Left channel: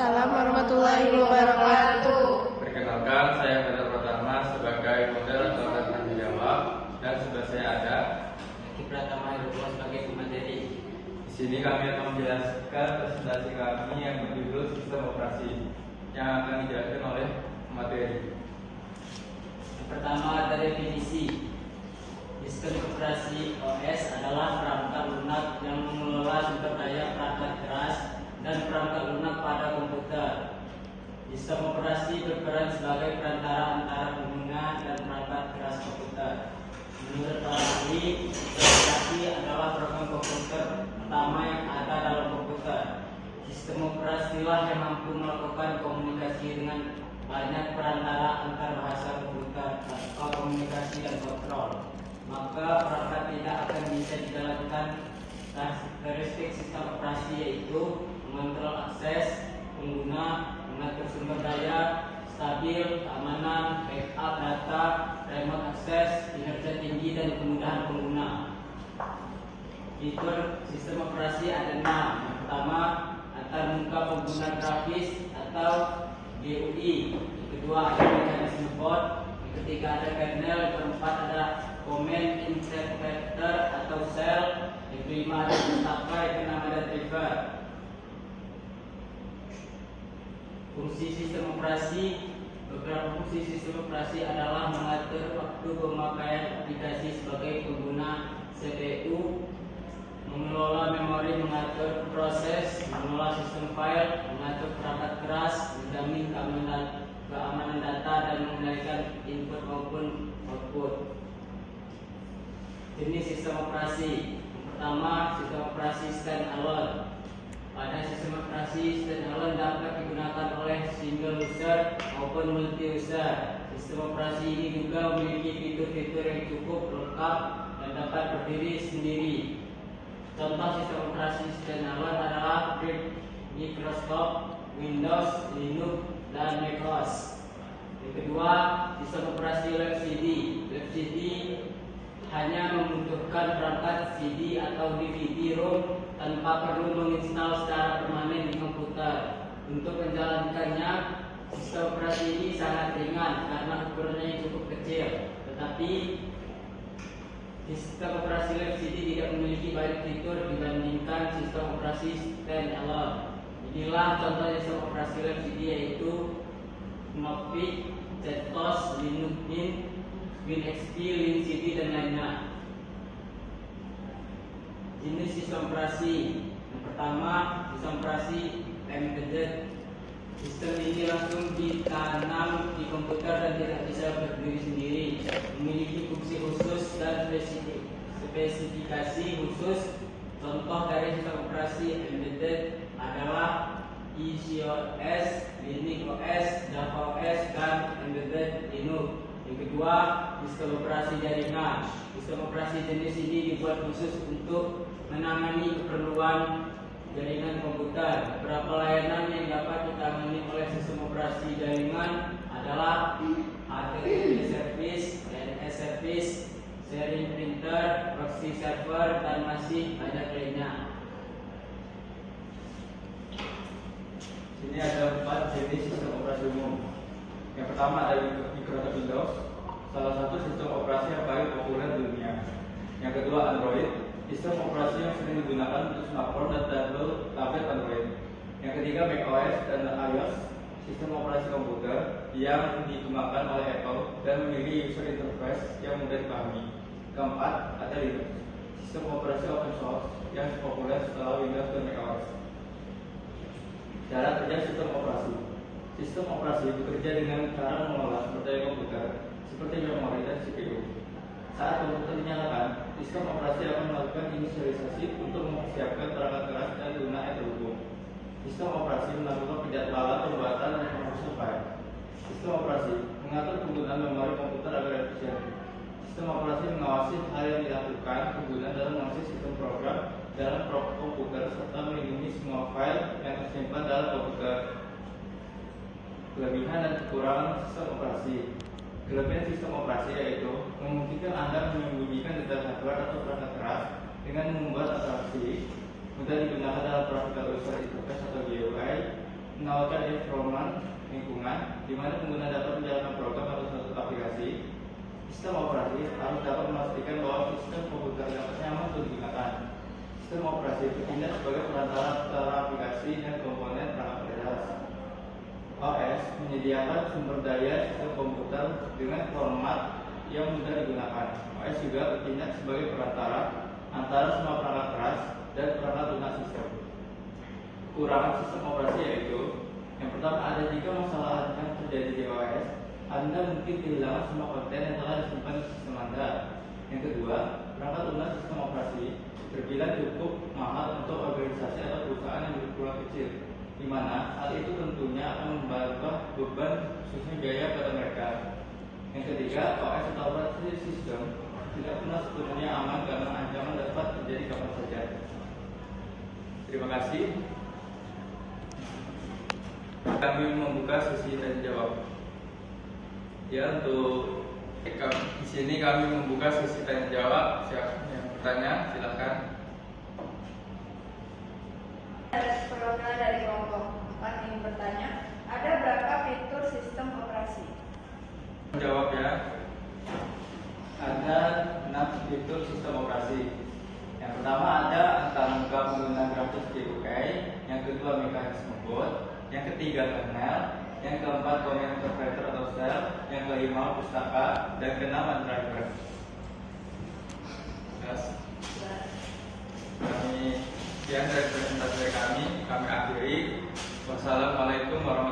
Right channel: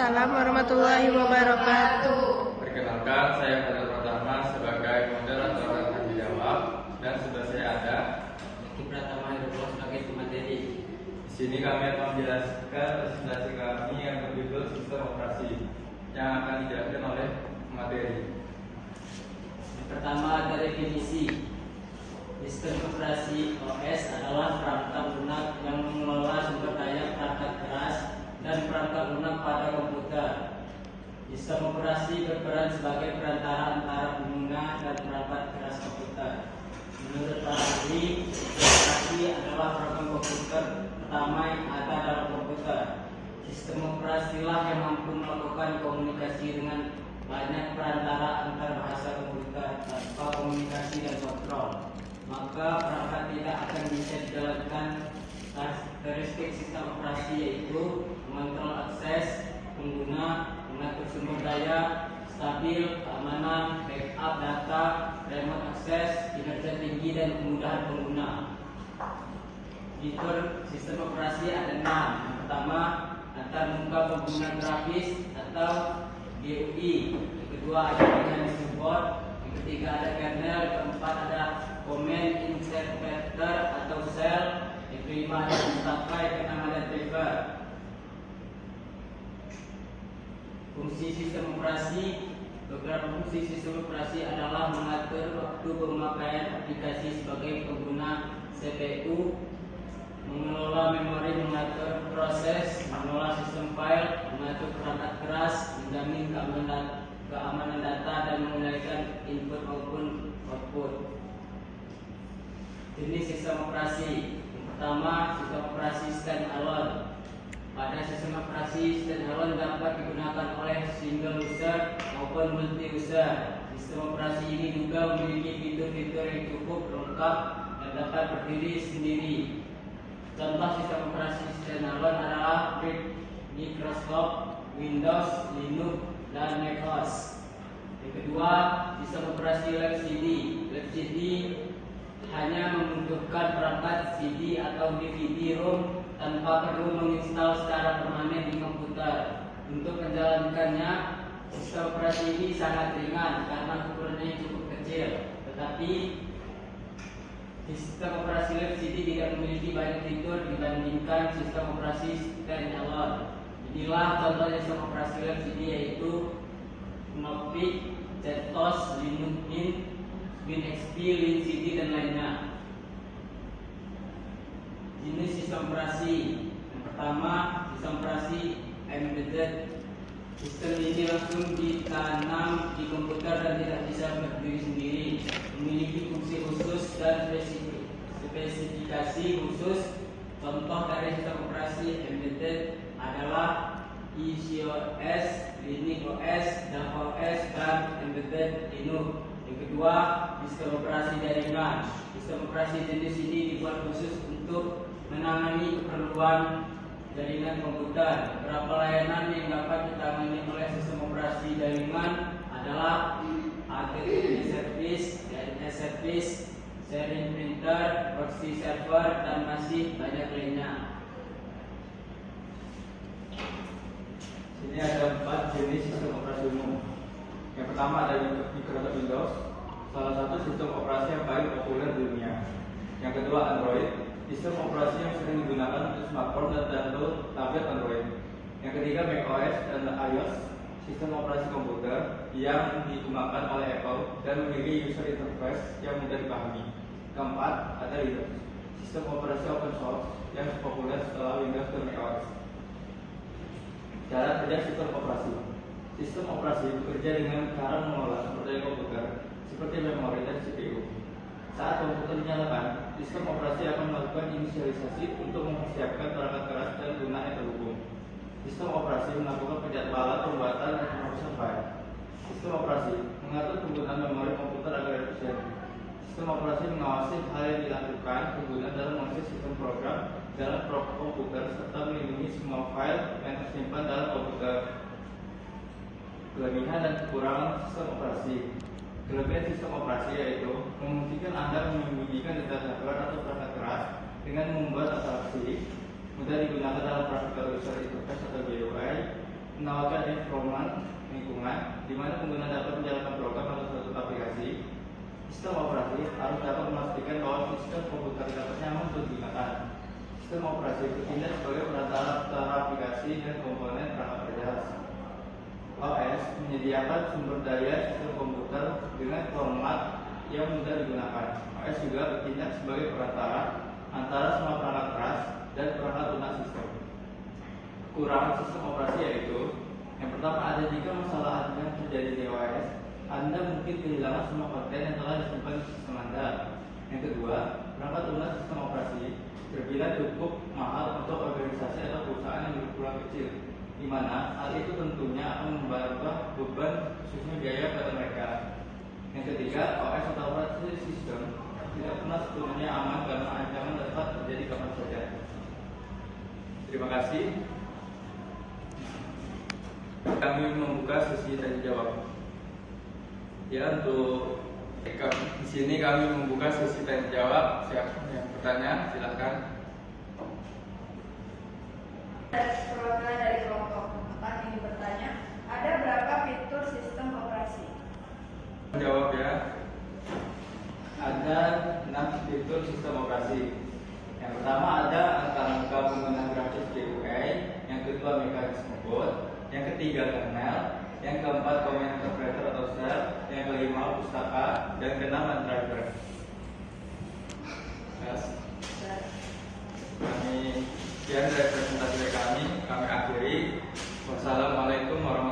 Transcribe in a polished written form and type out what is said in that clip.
Waalaikumsalam warahmatullahi wabarakatuh. Perkenalkan, saya Fajar Pratama sebagai moderator tanggung jawab, dan sebelah saya ada Eki Pratama Hirullah sebagai pemateri. Di sini kami akan menjelaskan presentasi kami yang berjudul sistem operasi yang akan dijelaskan oleh pemateri. Yang pertama ada definisi. Sistem operasi OS adalah perangkat lunak yang mengelola sumber daya perangkat keras dan perangkat lunak pada komputer. Sistem operasi berperan sebagai perantara antara pengguna dan perangkat keras komputer. Menurut Ahli, operasi adalah program komputer pertama yang ada dalam komputer. Sistem operasilah yang mampu melakukan komunikasi dengan banyak perantara antar bahasa komputer atau komunikasi dan kontrol. Maka perangkat tidak akan bisa dijalankan. Karakteristik sistem operasi yaitu mengontrol akses pengguna, mengatur sumber daya, stabil, keamanan, backup data, remote access, kinerja tinggi, dan kemudahan pengguna. Fitur sistem operasi ada 6. Yang pertama, antar muka pengguna grafis atau GUI. Yang kedua, ada mekanisme boot. Yang ketiga, ada kernel. Yang keempat, ada command interpreter atau shell. Yang kelima, ada mentakai. Yang keenam, ada driver. Fungsi sistem operasi. Beberapa fungsi sistem operasi adalah mengatur waktu pemakaian aplikasi sebagai pengguna CPU, mengelola memori, mengatur proses, mengelola sistem file, mengatur perangkat keras, menjamin keamanan data, dan mengendalikan input maupun output. Jenis sistem operasi. Yang pertama, sistem operasi standalone. Pada sistem operasi standalone dapat digunakan oleh single user maupun multi user. Sistem operasi ini juga memiliki fitur-fitur yang cukup lengkap dan dapat berdiri sendiri. Contoh sistem operasi standalone adalah Microsoft, Windows, Linux, dan macOS. Yang kedua, sistem operasi LCD. LCD hanya membutuhkan perangkat CD atau DVD-ROM tanpa perlu menginstal secara permanen di komputer. Untuk menjalankannya, sistem operasi ini sangat ringan karena ukurannya cukup kecil. Tetapi sistem operasi LCD tidak memiliki banyak fitur dibandingkan sistem operasi standalone. Inilah contoh sistem operasi LCD yaitu Knoppix, CentOS, Linux Mint, WinXP, LinCD, dan lainnya. Jenis sistem operasi. Yang pertama, sistem operasi embedded. Sistem ini langsung ditanam di komputer dan tidak bisa berdiri sendiri. Memiliki fungsi khusus dan spesifikasi khusus. Contoh dari sistem operasi embedded adalah EasyOS, Linux OS, Java OS, dan Embedded Linux. Yang kedua, sistem operasi jaringan. Sistem operasi jenis ini dibuat khusus untuk menangani keperluan jaringan komputer. Beberapa layanan yang dapat ditangani oleh sistem operasi jaringan adalah HTTP service, DNS service, sharing printer, proxy server, dan masih banyak lainnya. Sini ada 4 jenis sistem operasi umum. Yang pertama ada Microsoft Windows, salah satu sistem operasi yang paling populer di dunia. Yang kedua Android, sistem operasi yang sering digunakan untuk smartphone dan tablet Android. Yang ketiga macOS dan iOS, sistem operasi komputer yang dikembangkan oleh Apple dan memiliki user interface yang mudah dipahami. Keempat ada Linux, sistem operasi open source yang populer setelah Windows dan macOS. Cara kerja sistem operasi. Sistem operasi bekerja dengan cara mengolah sumber daya komputer seperti memori dan CPU. Saat komputer dinyalakan, sistem operasi akan melakukan inisialisasi untuk mempersiapkan perangkat keras dan guna yang terhubung. Sistem operasi melakukan penjadwalan pembuatan dan penghapusan file. Sistem operasi mengatur penggunaan memori komputer agar efisien. Sistem operasi mengawasi hal yang dilakukan pengguna dalam mengakses sistem program dalam komputer serta melindungi semua file yang tersimpan dalam komputer. Kelebihan dan kekurangan sistem operasi. Kelebihan sistem operasi yaitu memungkinkan Anda menyembunyikan data hardware atau perangkat keras dengan membuat abstraksi, mudah digunakan dalam perangkat user interface atau GUI, 6 menawarkan environment lingkungan di mana pengguna dapat menjalankan program atau suatu aplikasi. Sistem operasi harus dapat memastikan bahwa sistem komputer dapat nyaman untuk digunakan. Sistem operasi bertindak sebagai perantara antara aplikasi dan komponen perangkat berjelas. OS menyediakan sumber daya sistem komputer dengan format yang mudah digunakan. OS juga bertindak sebagai perantara antara semua perangkat keras dan perangkat lunak sistem. Kekurangan sistem operasi yaitu yang pertama, ada jika masalah yang terjadi di OS, Anda mungkin kehilangan semua konten yang telah disimpan di sistem Anda. Yang kedua, perangkat lunak sistem operasi terbilang cukup mahal untuk organisasi atau perusahaan yang berkurang kecil, di mana hal itu tentunya akan membantu beban khususnya biaya pada mereka. Yang ketiga, OS atau operasi sistem tidak pernah sepenuhnya aman karena ancaman dapat terjadi kapan saja. Terima kasih. Kami membuka sesi tanya jawab. Ya, untuk di sini kami membuka sesi tanya jawab. Siapa yang bertanya? Silakan. Ada perwakilan dari kelompok 4 yang bertanya, ada berapa fitur sistem operasi? Jawab ya. Ada 6 fitur sistem operasi. Yang pertama ada angka-angka pengguna grafis GUI, yang kedua mekanisme boot, yang ketiga kernel, yang keempat comment interpreter atau shell, yang kelima pustaka, dan keenam driver. Yes. Kami sekian dari presentasi dari kami akhiri. Wassalamualaikum warahmatullahi wabarakatuh.